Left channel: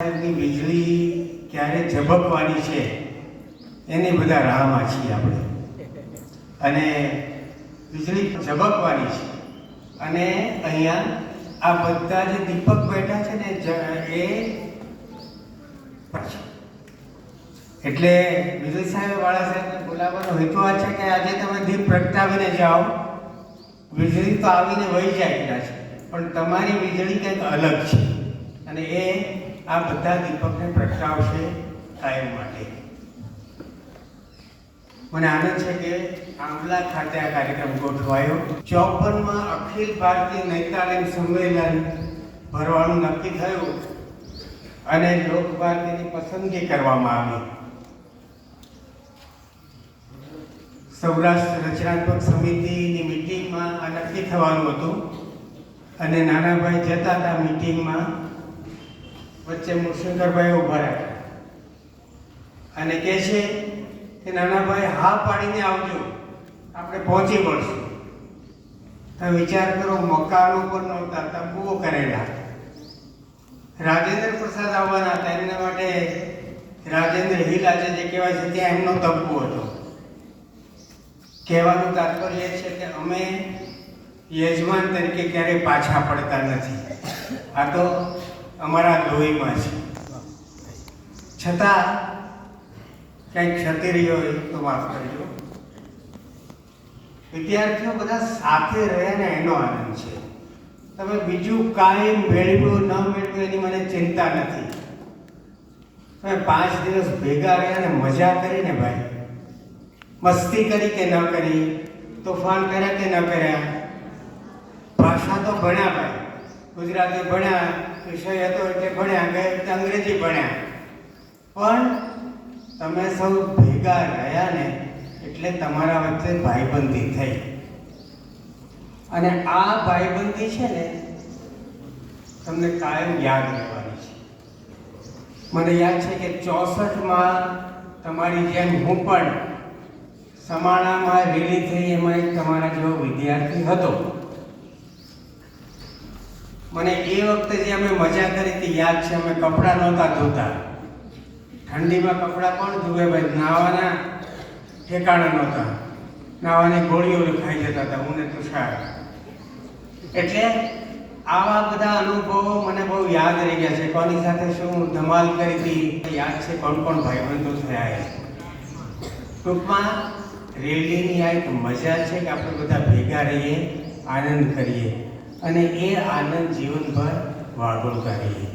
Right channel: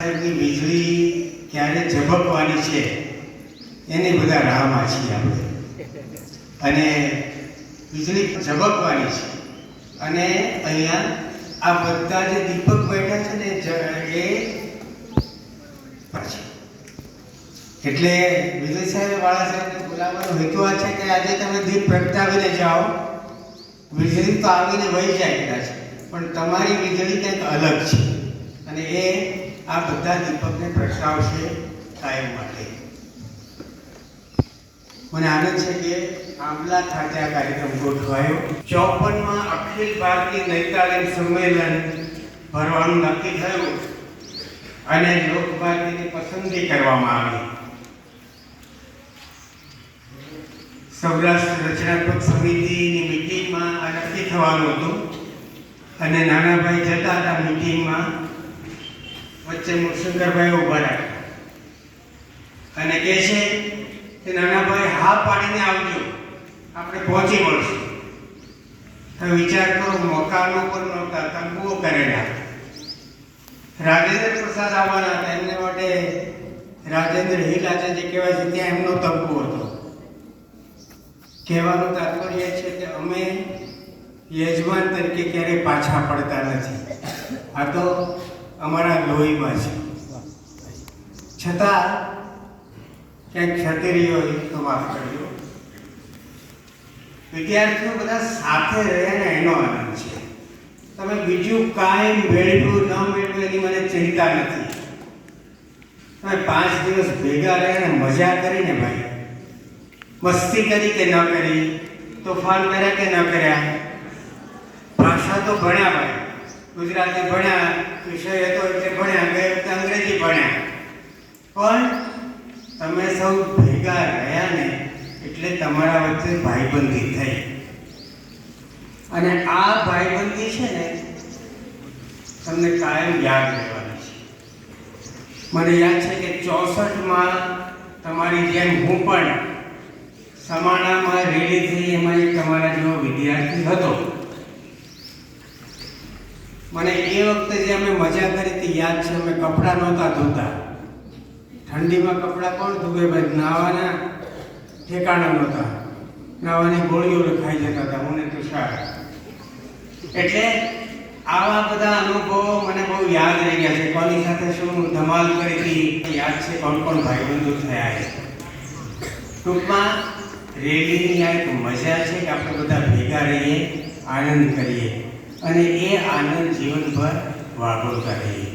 વીજળી ક્યારે ઝબકવાની છે એની બધા રાહમાં છીએ આપણે. અને વીજળી ઝબકવાની છે અને અહીંયા આ બધા જે દીપક બેઠા છે ને એ એટલે વીજળી સાહેબ વાળા સાહેબને બોલાવવાનો હેતુ આ છે કે આજે તમે દીપ પ્રગટાવીને જાઓ. વીજળી તો આવીને વહી જાય કદાચ, પણ તમારી વીજળી કંઈક અલગ છે અને એ આ બધા દીપકને પ્રગટાવશે કાયમ માટે. મને આનંદ છે કે આંબલા ખાતે આ કાર્યક્રમ ગોઠવાયો. 54માં અખિલ ભારતીય નૈતાલીમ સંમેલન ભરવાનું નક્કી થયું અને લોકભારતીની પસંદગી કરવામાં આવી. સૌરાષ્ટ્ર રચનાત્મક સમિતિની મિટિંગમાં આ નક્કી થવાનું હતું અને નાનાભાઈ જતા હતા મિટિંગમાં. વચ્ચે મુશંકરભાઈ ઉભા રાખ્યા અને કહે છે કે નાનાભાઈ હા પાડીને આવજો, આપણે પહોંચી વળશું. હવે વિચાર કરો, મકાનો પર નહોતા, તંબુઓ કરેલા. રાજેન્દ્ર પ્રસાદ આવવાના હતા, એમના માટે રાજેન્દ્ર હિલ આજે જે કહેવાય છે ત્યાં એમનો તંબુ હતો. કહેવાનું તાત્પર્ય છે કે અમે યજમાન તરીકે ક્યારેય પાછા પડતા નથી. આ તો અમારા લોહીમાં છે. છતાં ક્યાંક ક્ષતિ રહી હોય તો માફ કરજો. વિદ્યાર્થીઓ બધા સાથે રહે ને એનો આનંદ છે. તમે બીજું કાંઈ મેળવ્યું ન મેળવ્યું એની મને ચિંતા નથી. તમે 5 દિવસ ભેગા રહ્યા ને મજા કરીને ભાઈ, મસ્તી કરી કે ન કરી, તોફાન કર્યા કે ન કર્યા, ભાષા તો ભણ્યા ભાઈ, ગુજરાતી ભણ્યા, વિષય હતો એટલે ભણ્યા, ગયે વખતે અંગ્રેજી ભણ્યા, પણ તમે સૌ ભેગા રહ્યા ને એટલે તમારા વચ્ચે ભાઈબંધી થઈ. અને આ ભાઈબંધી છે ને તમને કાયમ યાદ રહેવાની છે. મને યાદ છે કે 64માં તમારી જેમ હું પણ સમાણામાં રેલી થઈ, એમાં એક તમારા જેવો વિદ્યાર્થી હતો. મને એ વખતે જે અમે મજા કરી હતી યાદ છે. અમે કપડાં નહોતા ધોતા. ઠંડીમાં કપડાં કોણ ધોવે ભાઈ? નાવાના ઠેકાણા નહોતા, નાવાની ગોળીઓ ખાઈ જતા હતા હું ને તુષાર. એટલે આવા બધા અનુભવો મને બહુ યાદ રહી ગયા છે. કોની સાથે શું ધમાલ કરી હતી યાદ છે, કોણ કોણ ભાઈબંધો થયા છે. ટૂંકમાં રેલીની આ એક મજા છે કે આપણે બધા ભેગા રહીએ, આનંદ કરીએ અને એ આનંદ જીવનભર વાગોળતા રહીએ.